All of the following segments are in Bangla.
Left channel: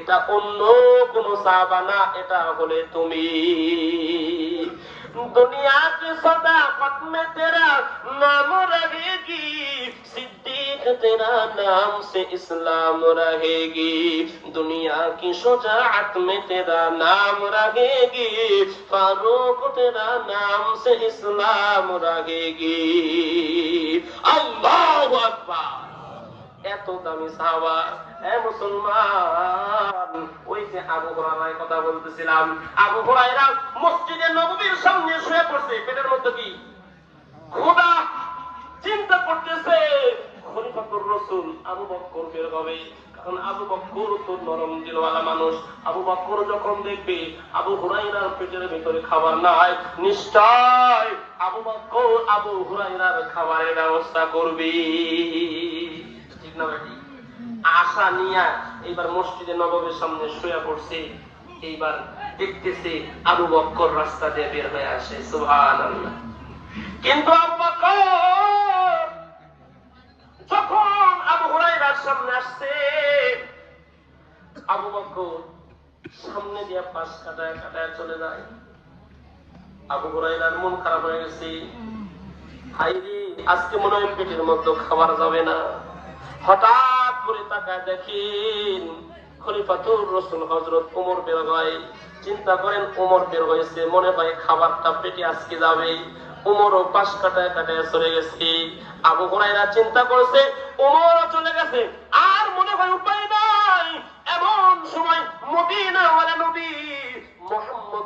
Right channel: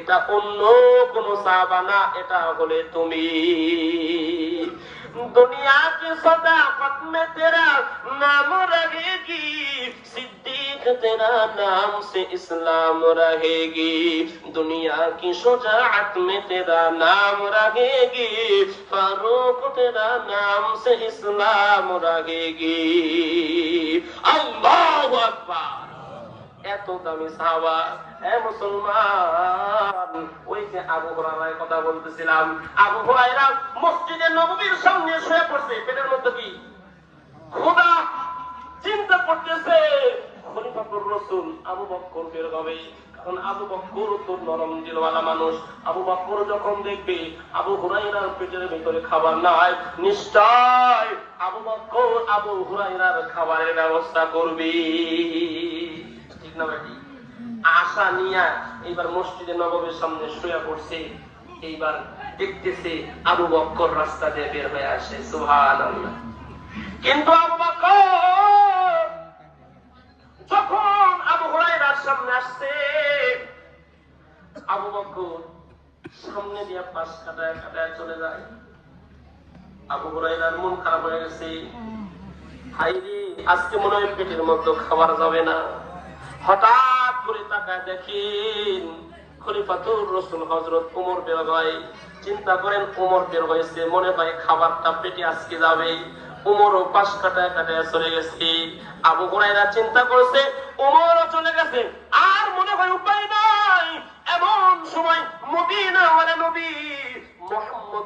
এটা অন্য কোন সাহাবা না, এটা হলে তুমি। দুনিয়া কি সদা মে তেরা নাম রহেগি সিদ্দিক তেরা নাম সে ইসলাম রহেগি দুনিয়া কি তেরা নাম রহেগি ফারুক তেরা নাম সে ইসলাম রহেগি আল্লাহু আকবার। এত দামি সাহাবা। এ মুসলমান, ওই যে আবু হুরায়রার কথা বলতেছিলাম। আবু হুরায়রা মসজিদে নববীর সামনে শুয়ে পড়ছে, পেটের মধ্যে কি? খোদা চিন্তা করতেছে। খলিফাতুর রাসূল আবু বকর বের হবে, কারণ আবু বকর তো নরম দিলওয়ালা মানুষ। আবু বকর যখন দেখবে আবু হুরায়রার পেটের ভিতরে খাবার নাই, নিশ্চয় আবু বকর আবু হুরায়রার খাবারের ব্যবস্থা করবে। আশা নিয়ে এইবার মসজিদে নবমের সামনে শুয়ে পড়ছে, এইবার দেখতেছে আবু বক্কর রাস্তা দিয়ে বের হয়ে আসে, সুবহানাল্লাহ। কিন্তু যখন আবু হুরায়রার সামনে আসছে, আবু বক্কর সামনে দিয়ে পাশ কাটায় কাটায় চলে যায়। আবু হুরায়রার মন খারাপ হয়ে গেছে। হাই আজকে মনে হয় পেটের মধ্যে খাবার যাবে না। হঠাৎ করে তাকায় দেখেন খলিফাতুর রসুল হজরত ওমর বের হয়। চিন্তা করেন ওমর বের হয়েছে। মনে হয় খাবারটা পেটে আজকে যাবে। ওমরও পাশ কাটায় কাটায় চলে গেছে। আবু হুরাইরা চিন্তা করেছে ওমরও চলে গেছে। আর মনে হয় উপায় নাই। এমন সময় মদিনা নবী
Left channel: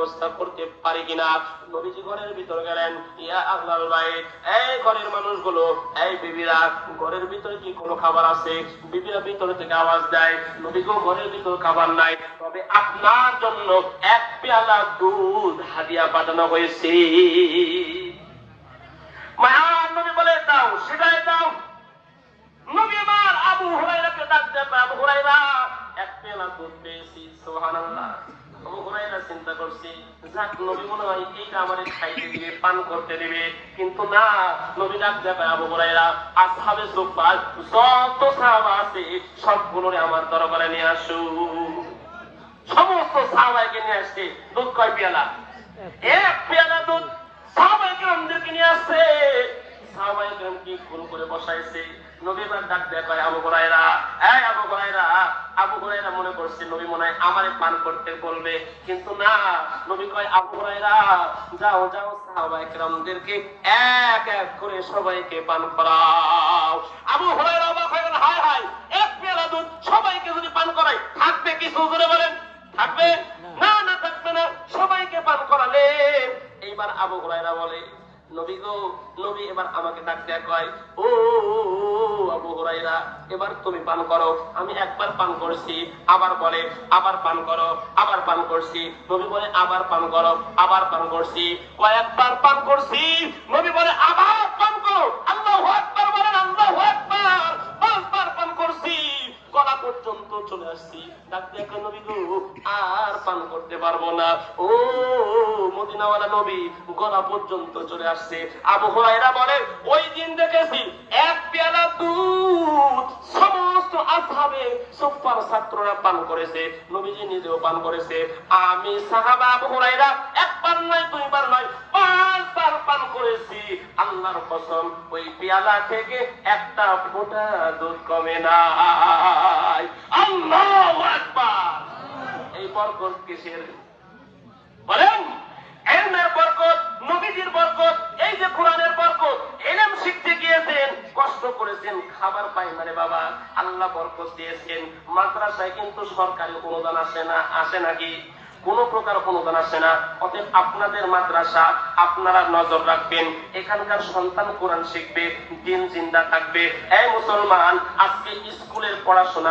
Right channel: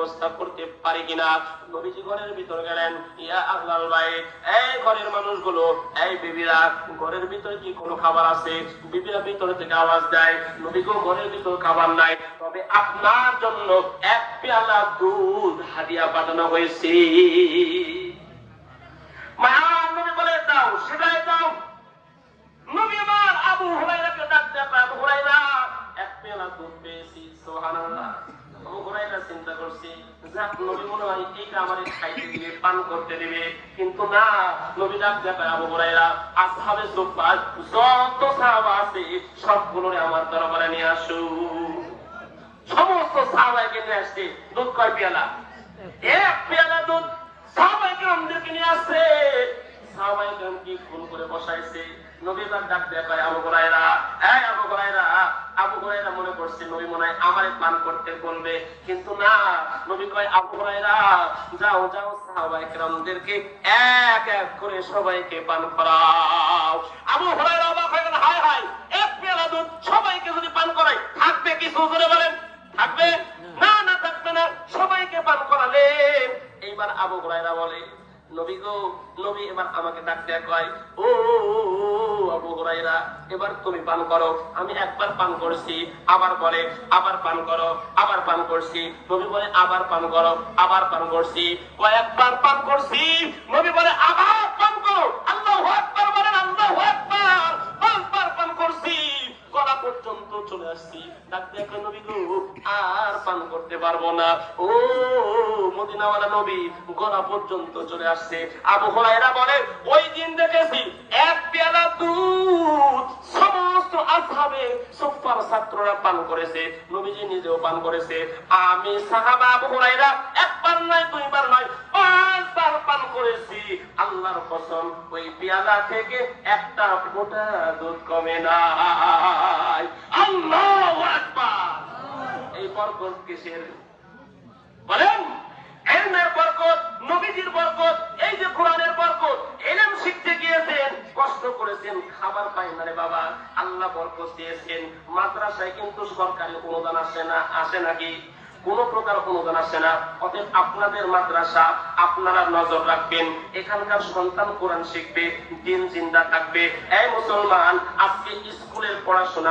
ব্যবস্থা করতে পারি কিনা? নবীজি ঘরের ভিতরে গেলেন, ইয়া আহলাল ভাই এই ঘরের মানুষগুলো, এই বিবিরা, ঘরের ভিতরে কি কোনো খাবার আছে? বিবিরা ভিতর থেকে আওয়াজ দেয় নবীকেও ঘরের ভিতর খাবার নাই। তবে আপনার জন্য এক পেয়ালা দুধ হাদিয়া পাঠানো হয়েছে মায়ার নবী বলে দাও সেটাই দাও নবী আমার আবু হুরায়রাকে ডাকতে আবু হুরায়রা এক পেলা দুধ পেয়েছি সুবহানাল্লাহ আবু হুরায়রা চিন্তা করছি, যাক নবী মনে হয় এইটা আমাদের খাইতে দিবে পান করতে দিবে কিন্তু না, নবী ডাকতে আবু হুরায়রা, আসহাবে সুফার যত সাহাবা আছে সবগুলো আমার দরবারে নিয়ে আসো। সমস্ত সাহাবাইকে নিয়ে আসছে দুধ কয় পেয়ালা? এক পেয়ালা দুধ সাহাবাইকে আমাদেরকে নিয়ে আসছে সাহাবাইকে কি ফোন করে বসাইছে? নবীবার ডাক দেয়া করে আবু হুরায়রা, এই আবু হুরায়রা আবু হুরায়রা মনে করছে, নবী মনে হয় আমারে পান করতে বলবে। কিন্তু না, নবী কয়, আবু হুরায়রা, যাও যাও কেরামদেরকে এক এক করে সবাইকে পান করাও। আবু হুরায়রা অবাক হয়ে গেল, হায় হায়, এক পেয়ালা দুধ সবাইকে যদি পান করায় থাকবে কিছু করে বলেন? থাকবে? না না, থাকবে না, সবাইকে পান করালেন। এইবার আবু হুরায়রা বলে নবী তুমি পান আমি একবার পান করছি, আবার আবার পান আবার পান করছি। নবী বলে, আবার পান আবার পান করছি। কয়েকবার পান করছি, নবী বলে, আবার দিয়ে গো আর পান করতে পারব না। ও মদিনাওয়ালা নবী, গলা পর্যন্ত চলে আসছে। আবু হুরায়রা বলে, ওই দিন দেখেছি এক পেয়ালা দুধ সমস্ত আসহাবে সুফার ছাত্ররা পান করেছে, নবীজি নিজেও পান করেছে। আমি সাহাবা আবু হুরায়রা একবার নয়, দুইবার নয় পাঁচবার পান করেছি। আল্লাহর কসম, ওই পেয়ালা থেকে একটা ফোঁটা দুধ কমে নাই। আল্লাহু প্রকার অনুদান আসে না। অতএব আপনাদের মাদ্রাসা, আপনারা নজর রাখবেন। এখানকার সন্তান কোরআন শিখবে, দিন জিন্দা থাকবে। এই মুসলমান, আজকে স্কুলের পড়াশোনা